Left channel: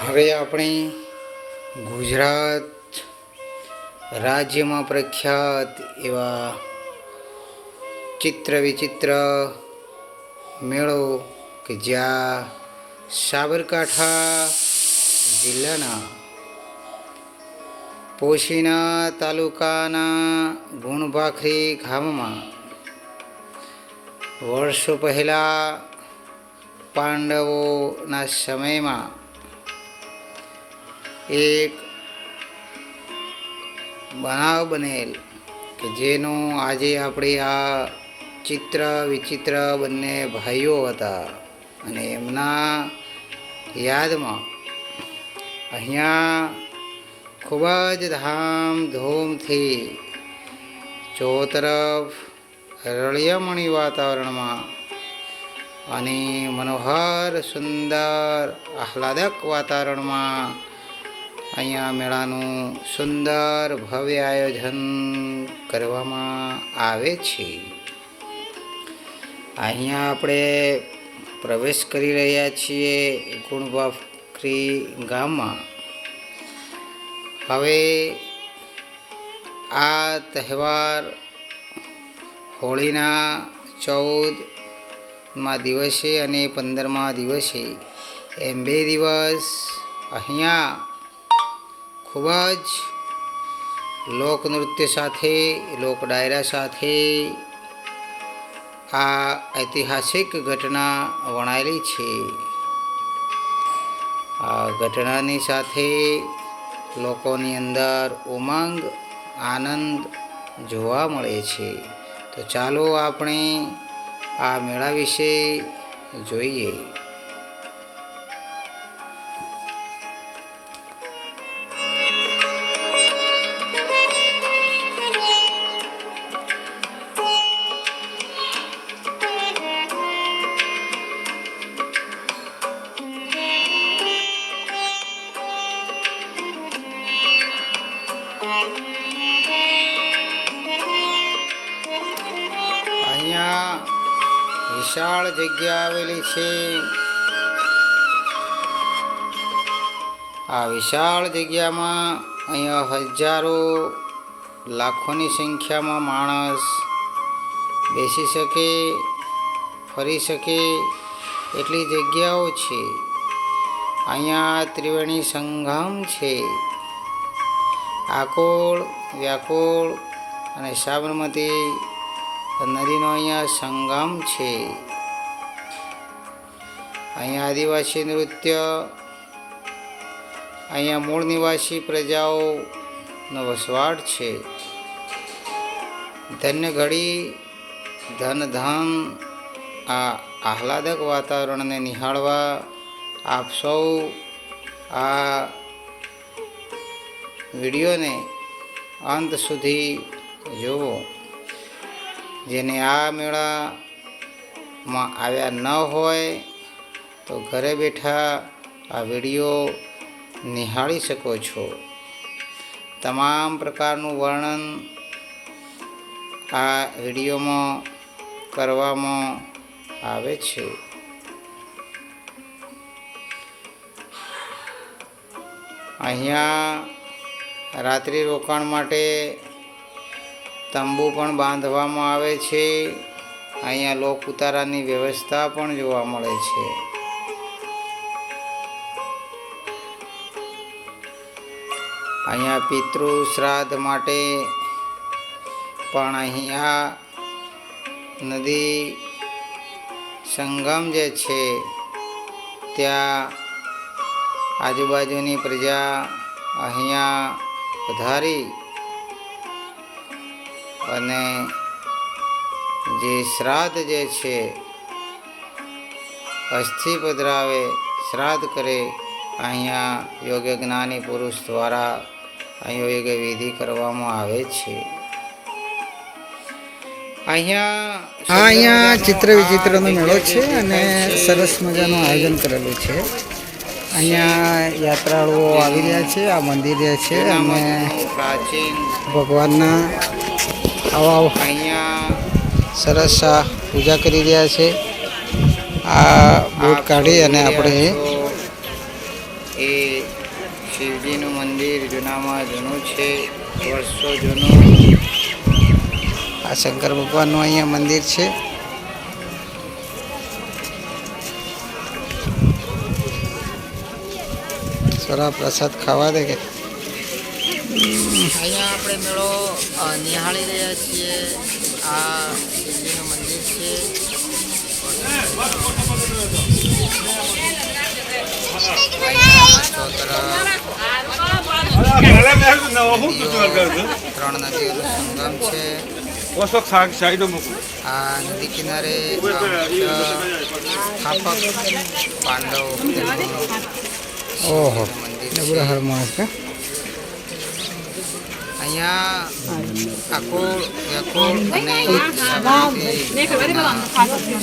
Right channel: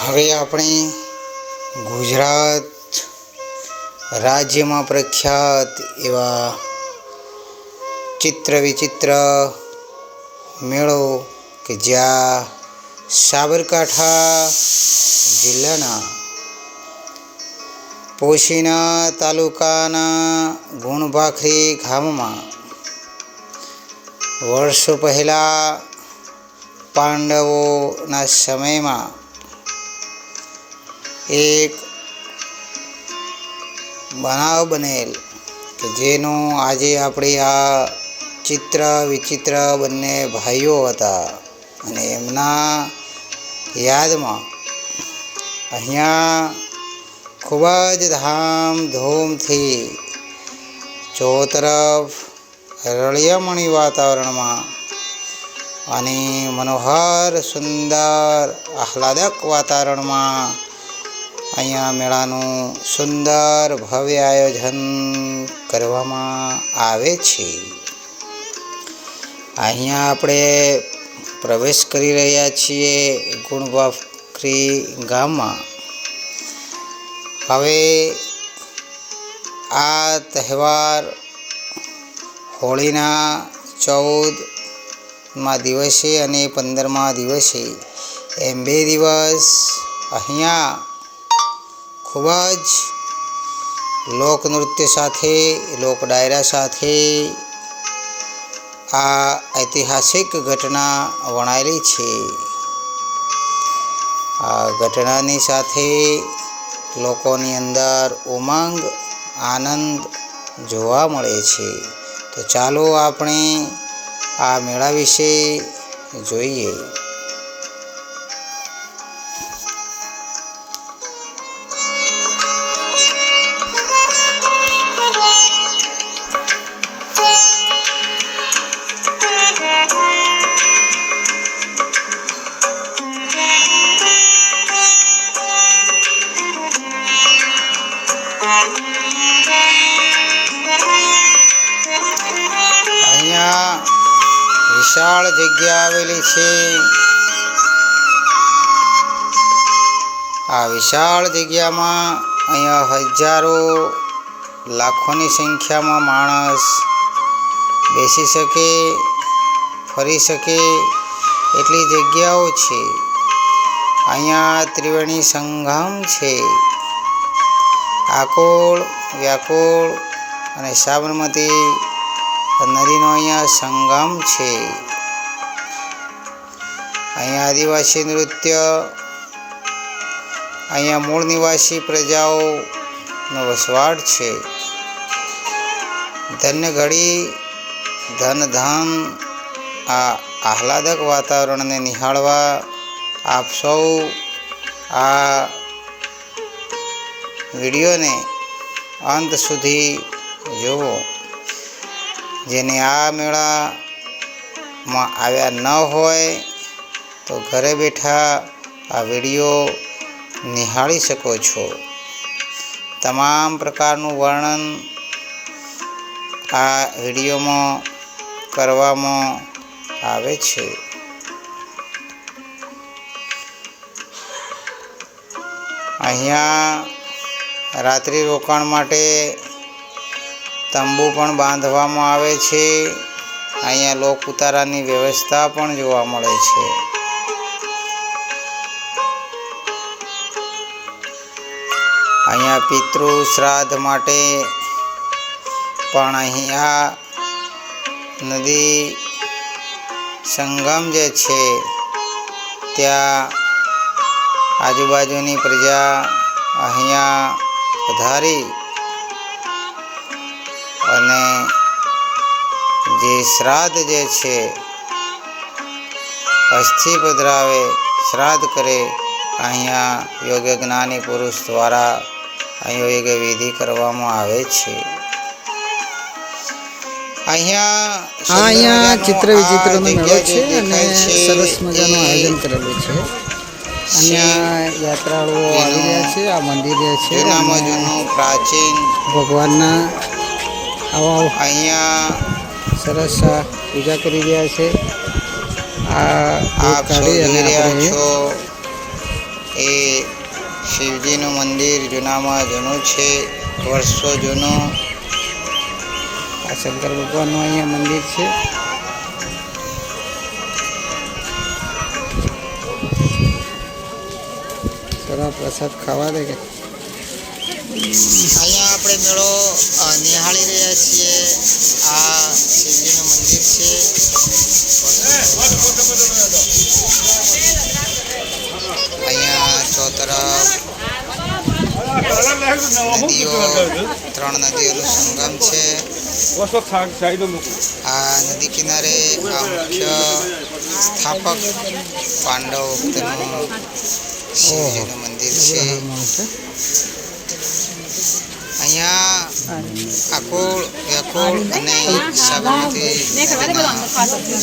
હવે આપણે ગુજરાત રાજ્યમાં પ્રખ્યાત એવા ચિત્ર વિચિત્ર મેળો કે જ્યાં સાબરકાંઠા જિલ્લાના પોશીના તાલુકાના ગુણભાખરી ગામમાં વર્ષો પહેલાં પાંડવોના સમયમાં એક બનાવ બનેલ કે જેનો આજે આપણે આ ચિત્ર વિચિત્ર બંને ભાઈઓ હતા અને એમના યાદમાં અહીંયા ખૂબ જ ધામધૂમથી ચોતરફ રળિયામણી વાતાવરણમાં અને મનોહર સુંદર આહલાદક વાતાવરણમાં અહીંયા મેળાનું સુંદર ભવ્ય આયોજન કરવામાં આવે છે. અહીંયા આપણે પ્રવેશ કરી રહ્યા છીએ ગુણભાખરી ગામમાં. હવે આ તહેવાર હોળીના 14મા દિવસે અને 15મા દિવસે એમ 2 દિવસ અહીંયા ખૂબ જ લોકનૃત્ય સાથે લોક ડાયરા સાથે આ ઐતિહાસિક ઘટના વણાયેલી છે. આ ઘટનાની સાથે લોકોની અંદર ઉમંગ આનંદ જોવા મળે છે. તો ચાલો આપણે આ મેળા વિશે જોઈએ. અહીંયા વિશાળ જગ્યા આવેલી છે. આ વિશાળ જગ્યામાં અહીંયા હજારો લાખોની સંખ્યામાં માણસ બેસી શકે ફરી શકે એટલી જગ્યાઓ છે. અહીંયા ત્રિવેણી સંગમ છે. આકોળ વ્યાકોળ અને સાબરમતી નદીનો અહીંયા સંગમ છે. અહીંયા આદિવાસી નૃત્ય, અહીંયા મૂળ નિવાસી પ્રજાઓનો વસવાટ છે. ધન્ય ઘડી ધન આ આહલાદક વાતાવરણને નિહાળવા આપ સૌ આ વિડીયોને અંત સુધી જુઓ. જેને આ મેળામાં આવ્યા ન હોય તો ઘરે બેઠા આ વિડીયો નિહાળી શકો છો. તમામ પ્રકારનું વર્ણન આ વિડીયોમાં કરવામાં આવે છે. અહીંયા રાત્રિ રોકાણ માટે તંબુ પણ બાંધવામાં આવે છે. અહીંયા લોક ઉતારાની વ્યવસ્થા પણ જોવા મળે છે. અહીંયા પિતૃ શ્રાદ્ધ માટે પણ અહીંયા નદી સંગમ જે છે ત્યાં આજુબાજુની પ્રજા અહીંયા પધારી અને જે શ્રાદ્ધ જે છે અસ્થિ પધરાવે શ્રાદ્ધ કરે અહીંયા યોગ્ય જ્ઞાની પુરુષ દ્વારા યોગ્ય વિધિ કરવામાં આવે છે. અહીંયા ચિત્ર વિચિત્રનો મેળો છે અને સરસ મજાનું આયોજન કરેલું છે. અહીંયા યાત્રાળુઓ આવી રહ્યા છે. આ મંદિર છે પ્રાચીન ભગવાનના આવા અહીંયા સરસ પૂજા કરી રહ્યા છે. આ કાઢી અને આપણે એ શિવજીનું મંદિર જૂનામાં જૂનું છે, વર્ષો જૂનું. આ શંકર ભગવાનનું અહીંયા મંદિર છે. થોડા પ્રસાદ ખાવા દે કે અહીંયા આપણે મેળો નિહાળી રહ્યા છીએ. આ શિવજીનું મંદિર છે. અહીંયા ચોતરફ નદીઓ, 3 નદીઓનો સંગમ છે. આ નદી કિનારે મુખ્ય સ્થાપક પાંડવ વખતેનું શિવજીનું મંદિર છે. અહીંયા આકોળ વ્યાકોળ અને સાબરમતી નદીના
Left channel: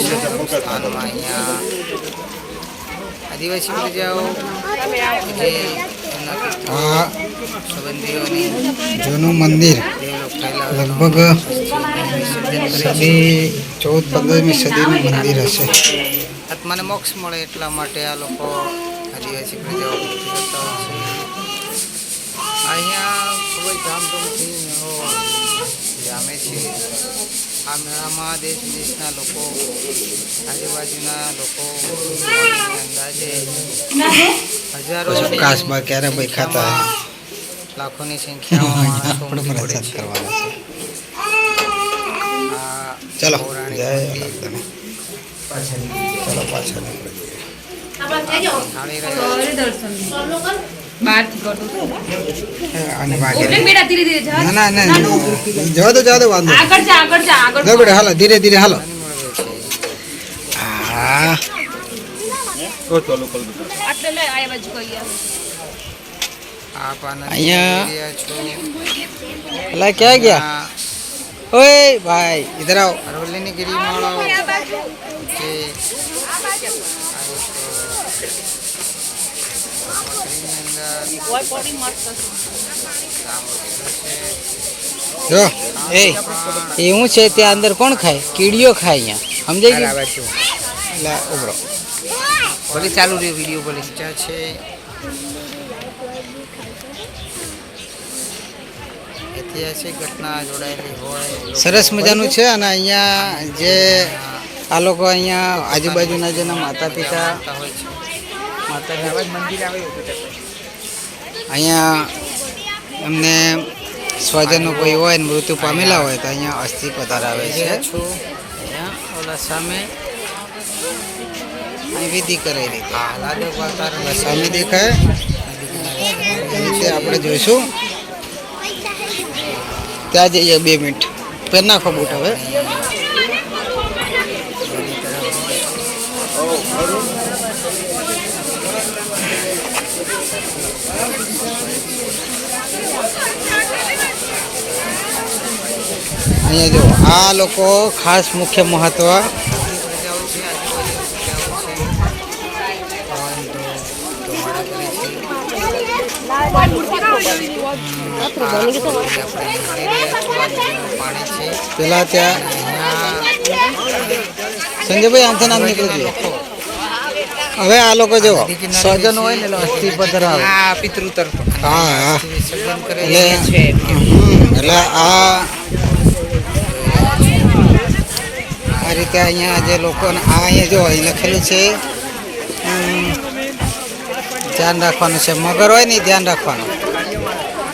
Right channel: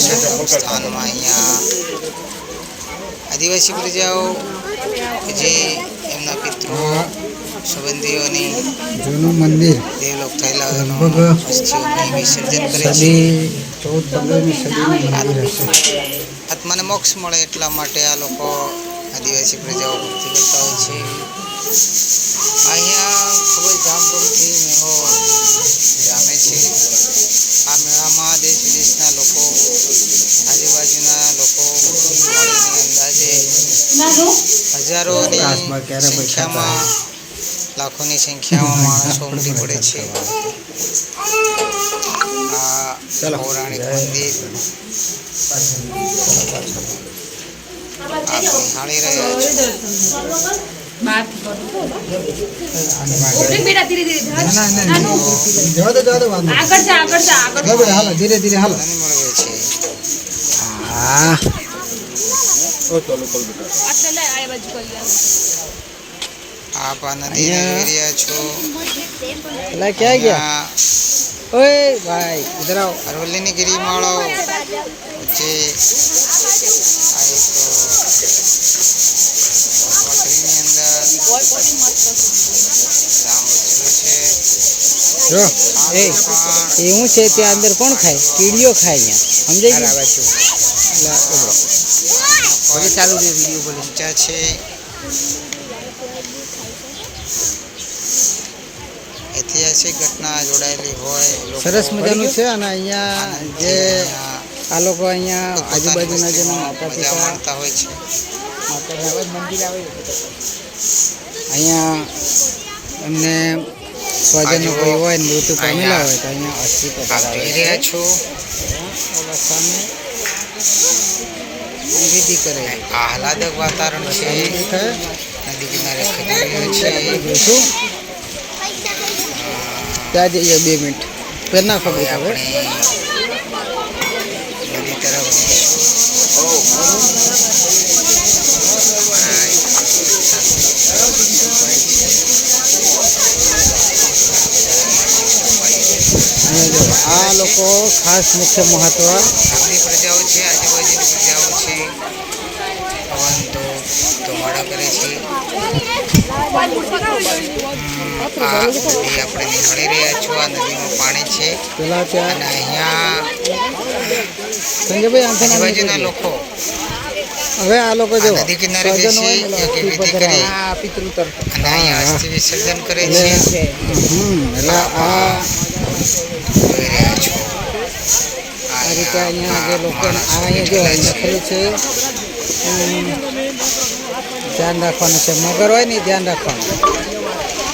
સંગમ સ્થાનમાં અહીંયા આદિવાસી પ્રજાઓ જે એમના પિતૃ સંબંધીઓની જૂનું મંદિર દેવલોક થયેલા લગભગ અસ્થિઓને વિસર્જન કરે છે. સદી 14-15મી સદીનું મંદિર હશે. આત્માને મોક્ષ મળે એટલા માટે આ લોકો આદિવાસી પ્રજાઓ ભક્તિ કરતા હોય છે. અહીંયા ખૂબ જ ધામધૂમથી મેળો જામે છે. આ મેળામાં દેશ વિદેશના લોકો, આજુબાજુના લોકો મળીને અંદાજે હજારોની સંખ્યામાં, લાખોની સંખ્યામાં માણસો ઉમટી પડે છે. આ પૌરાણિક મંદિર નિહાળી રહ્યા છે. હાલો ધીરે ધીરે હાલો. આપ આનંદ રહ્યા છો. અલા ક્યાં ગયા? ઓય ભાઈ ઇધર આવો. અરવલ્લીની ગિરિમાળો વચ્ચે આ એક વકરીની અંદર ધામ વસેલો છે. જો એ હું છે ત્યાં અંદર કોણ ખાય? કીડીઓ ખાય અહીંયા, સમજાય ગયું? એટલે ઉભરો ભલે ચાલુ રહ્યો વિડીયો ભલે ઊંચા છે. ઐતિહાસિક ઘટના જોડાયેલી હોય. સરસ મજાનું છે. અને અહીંયા જે આ લોકો અહીંયા આજુબાજુના જેના માતા પિતા હોય છે, મંદિર આવે અહીંયા એમને સ્વજનો કોઈ હોય ને મૃત્યુ પામેલા હોય તો અહીંયા અસ્થિ પધરાવે રહ્યા છો. ઓલા સામે વિધિ કરે. આહલાદક વાતાવરણ છે. સામે દેખાય નદી કિનારે ખરી રહ્યું છે. છે. આપણે જોઈશું ત્યાં જઈએ 2 મિનિટ પેર ના ખબર હવે નદી તરફ અહીંયા જો આ લોકો ખાસ મુખ્ય મહત્વ આપણી પ્રજાઓ છે, આજુબાજુની પ્રજાઓ છે. પવન તો ધુમાડા કરે છે. આ નદી આપણે નિહાળી રહ્યા છો. આ નદીનું પાણી છે. પેલા ત્યાં અને અહીંયા સંજયભાઈ આમથી નામ આજુબાજુના લોકો હવે આ લોકો જો નદી કિનારે સ્વજન હોય ને એટલે અસ્થિ પધરાવે. પિતૃ તરફ અસ્થિ વિસર્જન કરે છે. એટલે આ રીતે અહીંયા જે લોકોને આ અહીંયા જો અહીં લખેલું છે ધ્યાન રાખવાનું છે. મગર હોય ને ધ્યાન રાખવાનું.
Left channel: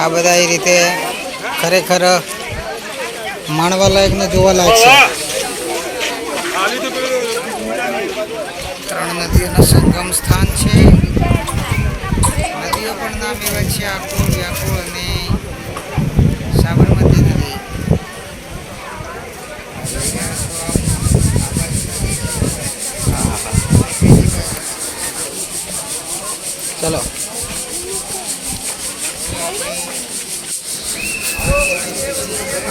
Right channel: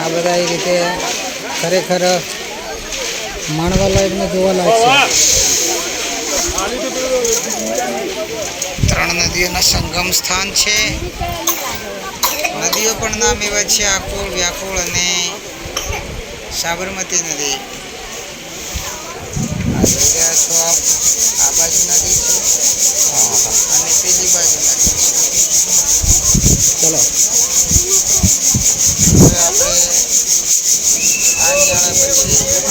આ બધા એ રીતે ખરેખર માણવા લાયક ને જોવા લાયક છે. 3 નદીઓના સંગમ સ્થાન છે. નદીઓ પણ નામ એવા છે આકોળ, વ્યાકોળ અને સાબરમતી નદી. આ જોઈ રહ્યા છો આપ. આ બાજુ નદી અને બીજી બાજુ નદી. ચલો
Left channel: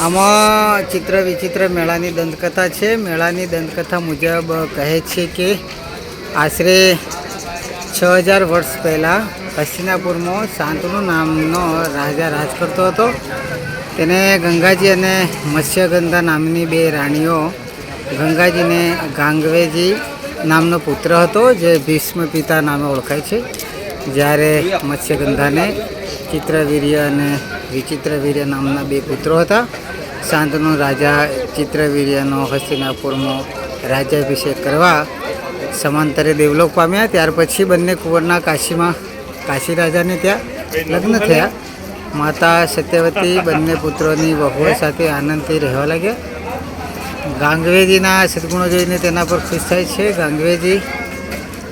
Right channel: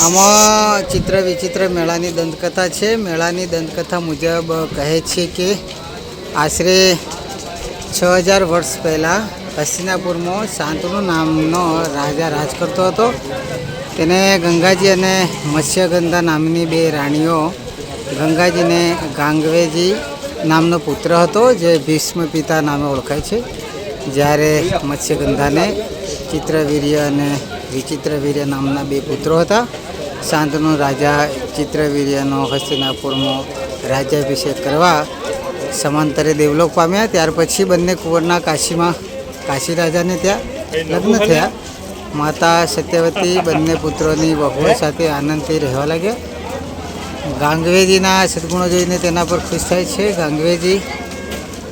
આમાં ચિત્ર વિચિત્ર મેળાની દંતકથા છે. મેળાની દંતકથા મુજબ કહે છે કે આશરે 6000 વર્ષ પહેલાં હસ્તિનાપુરમાં શાંતનુ નામનો રાજા રાજ કરતો હતો. તેને ગંગાજી અને મત્સ્યગંધા નામની 2 રાણીઓ, ગંગાજીને ગાંગવેજી નામનો પુત્ર હતો જે ભીષ્મ પિતા નામે ઓળખાય છે. જ્યારે મત્સ્યગંધાને ચિત્રવીર્ય અને વિચિત્રવીર્ય નામના બે પુત્રો હતા. શાંતનુ રાજા ચિત્રવીર્યનો હસ્તિનાપુરમાં રાજ્યાભિષેક કરવા સમાંતરે દેવલોક પામ્યા. ત્યાર પછી બંને કુંવરના કાશી રાજાને ત્યાં લગ્ન થયા. માતા સત્યવતી બંને પુત્રોની વહુઓ સાથે આનંદથી રહેવા લાગ્યા. ગાંગવેજીના સદગુણો જોઈને તેના પર ખુશ થાય છે. ગાંગવેજી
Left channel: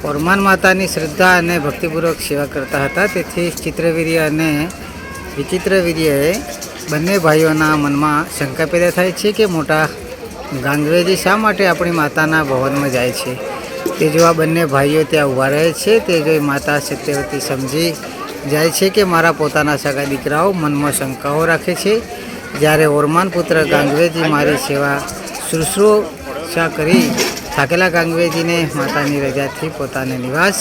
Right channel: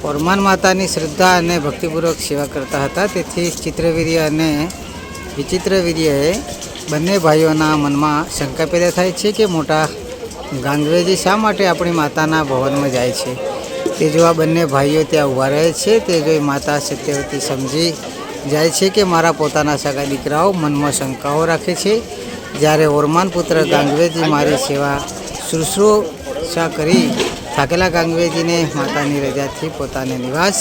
ઓરમાન માતાની શ્રદ્ધા અને ભક્તિપૂર્વક સેવા કરતા હતા. તેથી ચિત્રવીર્ય અને વિચિત્રવીર્યએ બંને ભાઈઓના મનમાં શંકા પેદા થાય છે કે મોટા ગાંગવેજી શા માટે આપણી માતાના ભવનમાં જાય છે. તે જોવા બંને ભાઈઓ ત્યાં ઊભા રહે છે. તે જોઈ માતા સત્યવતી સમજી જાય છે કે મારા પોતાના સગા દીકરાઓ મનમાં શંકાઓ રાખે છે. જ્યારે ઓરમાન પુત્ર ગાંગવેજી મારી સેવા શુશ્રૂષા કરી થાકેલા ગાંગવેજીને માતાની રજાથી પોતાના નિવાસ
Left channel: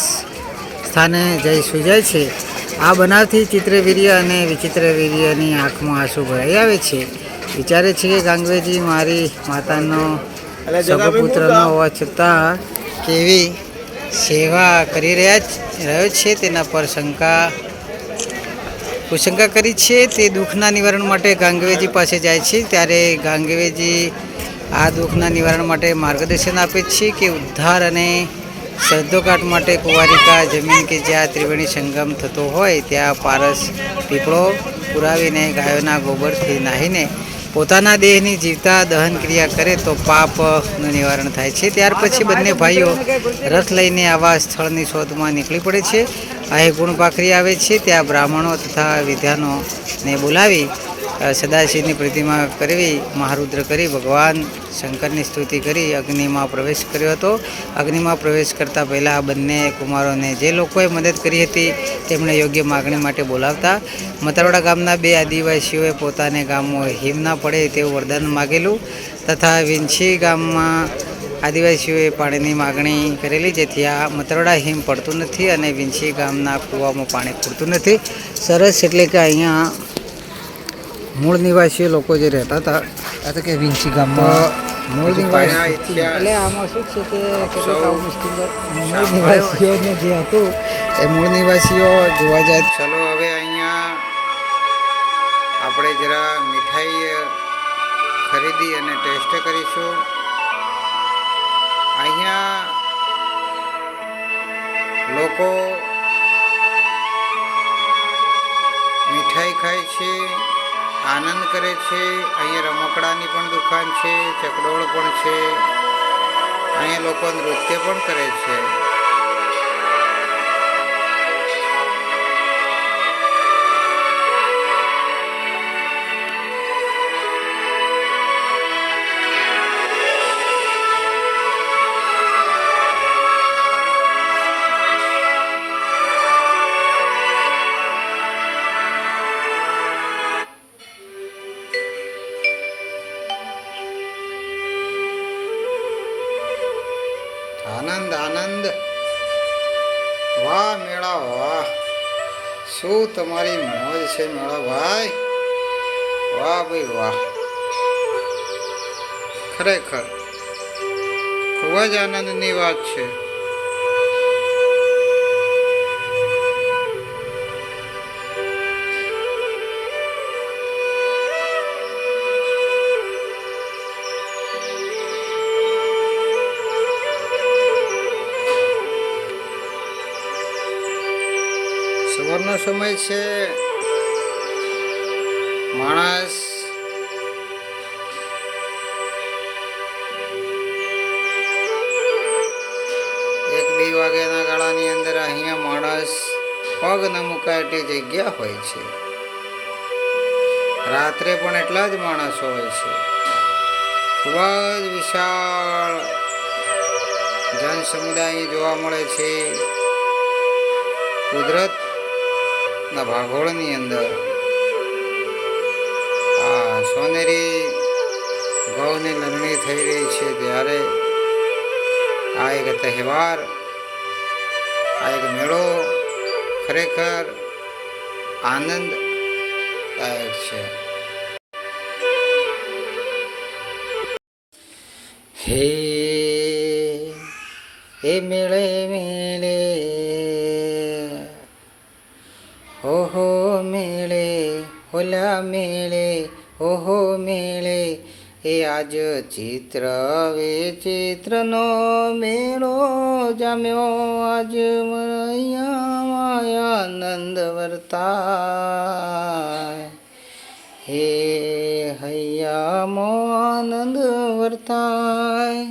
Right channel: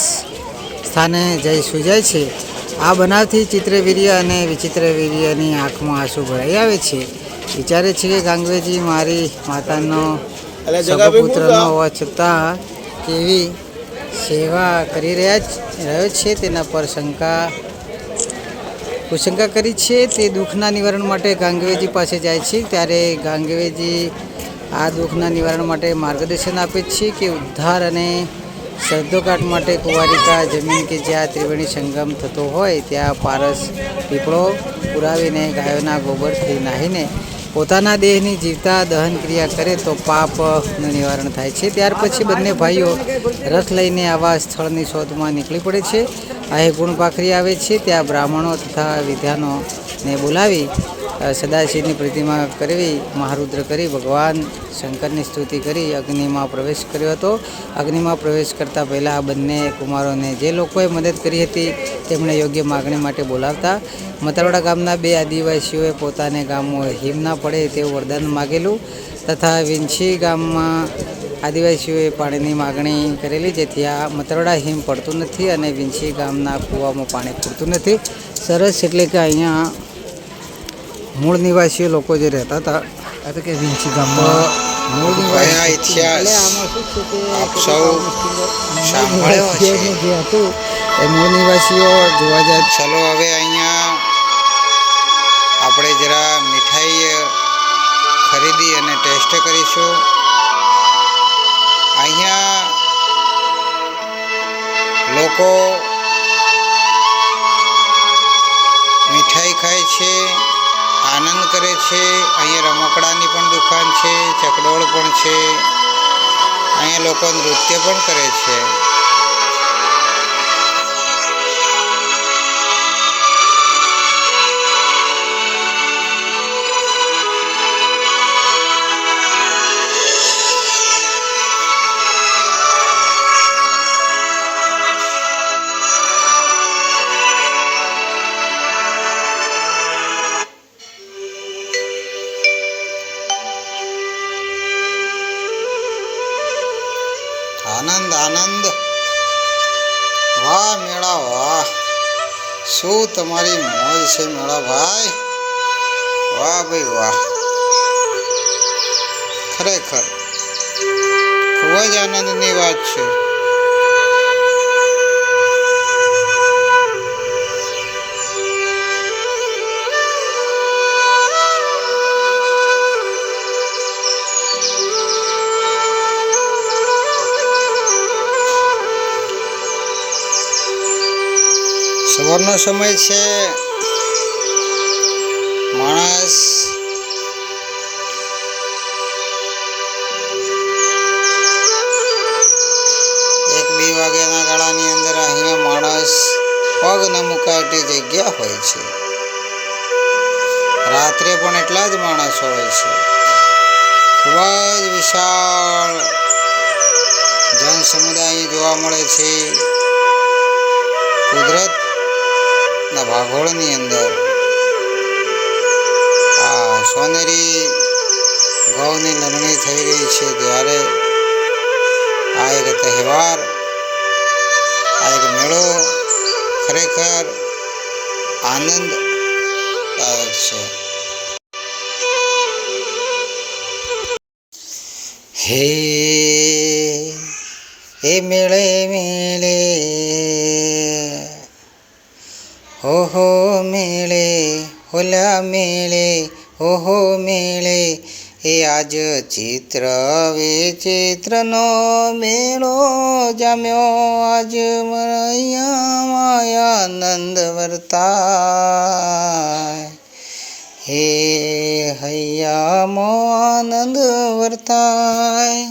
સ્થાને જઈ સૂઈ જાય છે. આ બનાવથી ચિત્રવીર્ય અને વિચિત્રવીર્યની આંખમાં આંસુ ભરાઈ આવે છે. વિચારે છે કે ગાંગવેજી મારી માતાનો સગો પુત્ર ન હોવા છતાં કેવી સેવા કરી રહ્યો છે તેના પર કુશંકા કરી છે. તે દુઃખના નિવારણ માટે ગાંગવેજી પાસે જાય છે. ત્યારે ગાંગવેજી આ દુઃખના નિવારણ માટે માર્ગદર્શન આપે છે કે ઉદ્ધાર અને શ્રદ્ધોકાટ માટે કુંવારિકા જમીન કે જ્યાં ત્રિવેણી સંગમ થતો હોય ત્યાં પારસ પીપળો પુરાવીને ગાયોના ગોબરથી નાહીને પોતાના દેહની જીવતા દહન ક્રિયા કરે તો પાપનું નિવારણ થાય છે. ત્યાર પછી બંને ભાઈઓ રથ લઈને આવા સ્થળની શોધમાં નીકળી પડે છે. અહીં ગુણપાખરી આવે છે. ત્યાં બ્રાહ્મણો તથા વિદ્વાનોને બોલાવી સદાશિવની પ્રતિમા કરવી, મહારુદ્ર કરી ભગવાન શંકરની સ્તુતિ કરી અગ્નિમાં પ્રવેશ કર્યો હતો. અગ્નિમાં પ્રવેશ કરતાં પહેલાં આ બંને કુમારોને જે લોકોએ મદદ કરી હતી તેમણે યોગ્ય માગણી માટે બોલાવતા. મતરવાડા ગામના બે આદિવાસીઓએ પોતાને ગામમાં હિમ ના પડે તેવું વરદાન માગેલું તથા વિંછી ગામમાં આદિવાસીઓએ પાણીની માગણી કરેલી, જેથી આ મતરવાડા હિમ પડતું નથી અને વિંછી ગામના કૂવામાં પાણી પૂરતું નથી. સરસ. એટલે કે અહીંયા મૂળ નિવાસીઓ લોકો જે રહેતા હતા એટલે કે વિંછી ગામમાં મૂળ નિવાસી એટલે આમાં શું છે કે મૂળ નિવાસીઓને જે હતું એ મૂળ નિવાસીઓ જોવા જાય. ચલો હવે અહીંયા આપણે જરા મીઠાઈ ખરીદી અને ટેસ્ટ કરીશું. અહીંયા લોકો મીઠાઈ ખાય છે, આનંદ કરે છે. અહીંયા રમકડાની પણ દુકાન છે, ચકડોળ પણ છે. અહીંયા લોકો નૃત્ય પણ કરે છે. આનંદ આનંદ. વાહ મેળા વાહ, શું તમારી મોજ છે મેળા ભાઈ. વાહ ભાઈ વાહ, ખરેખર ખૂબ જ આનંદની વાત છે. સવારનો સમય છે. માણસ એક બે વાગ્યાના ગાળાની અંદર અહીંયા માણસ પગ ન મુકાય એટલી જગ્યા હોય છે. રાત્રે પણ એટલા જ માણસો હોય છે. ખૂબ જ વિશાળ જન સમુદાય જોવા મળે છે. કુદરતના ભાગોળની અંદર આ સોનેરી ગૌની લણણી થઈ રહી છે ત્યારે આ એક તહેવાર, આ એક મેળો ખરેખર આનંદદાયક છે. હે એ મેળે મેળે ઓહો મેળે હોલા મેળે ઓહો મેળે એ આજ ચિત્ર વિચિત્રનો મેળો જામ્યો આજ મૈયા આનંદ વર્તાય હે હૈયામાં આનંદ વર્તાય.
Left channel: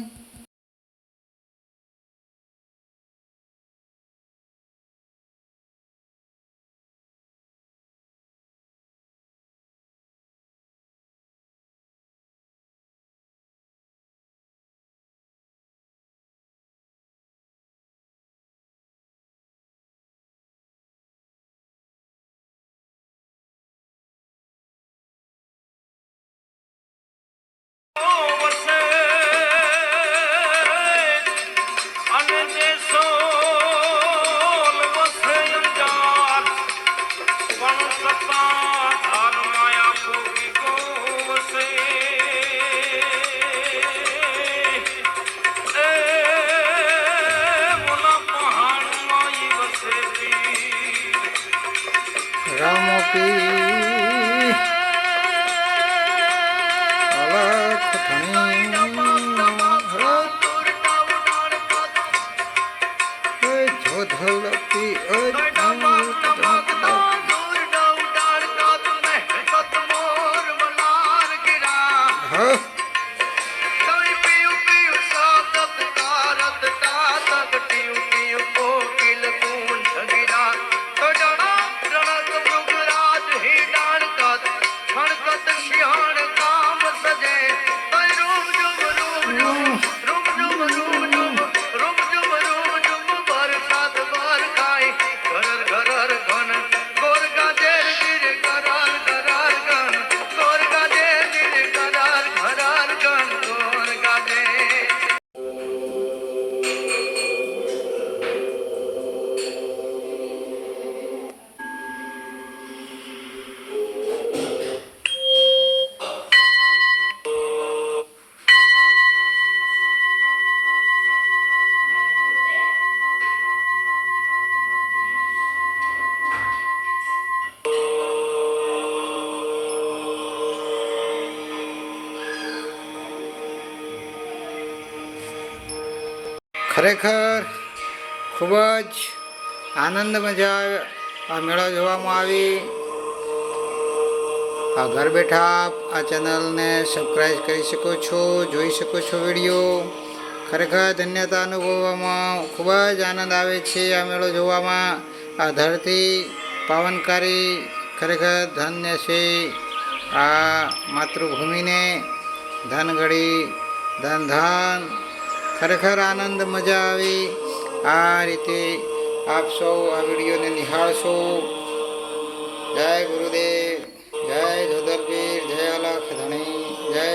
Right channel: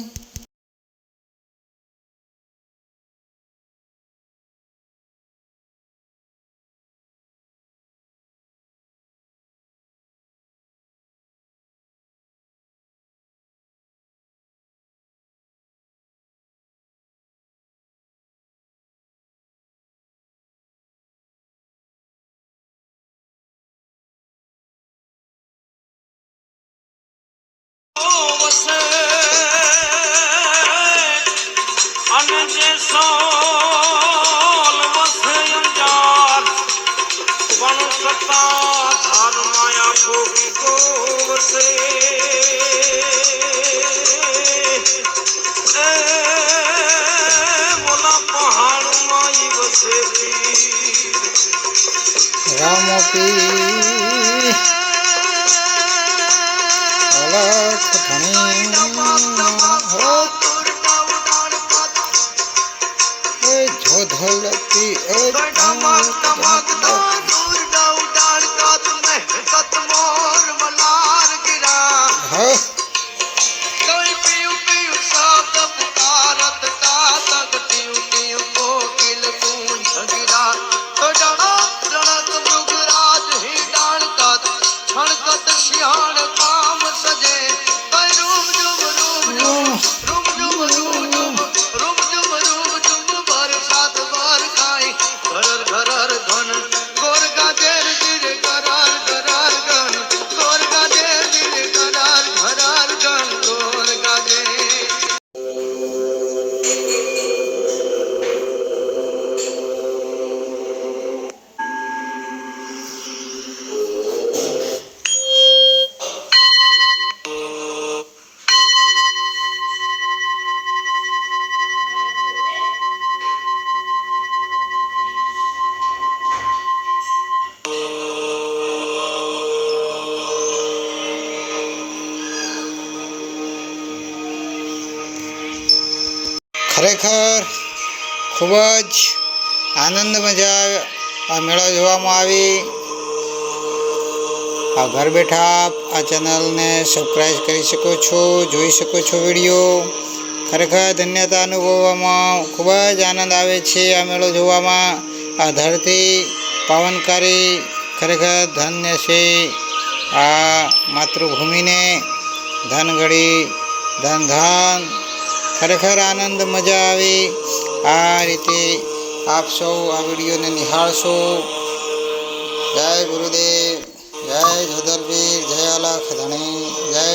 રામોપી અલખ ધણી જોધલતી હા ખરેખર ખૂબ જ આનંદ મજા આ મેળો જોવામાં આવી. આ ઘર બેઠા આપ આ ચેનલને સબસ્ક્રાઈબ કરી શકો છો, જોઈ શકો છો વિડીયો. ખરેખર ધન્યતા અનુભવવામાં ખૂબ જ આનંદ આવે છે આ મેળો જોવામાં. આ ધરતી પાવનકારી ખરેખર ધન્ય છે. આ માતૃભૂમિને ધન ઘડી ધન ધાન ખરેખર આનંદ મજા આવી. આ રીતે આપ સૌ આ વિડીયોને નિહાળશો. જય ગુરુદેવ, જય જોધરપીર, જય અલખ ધણી, જય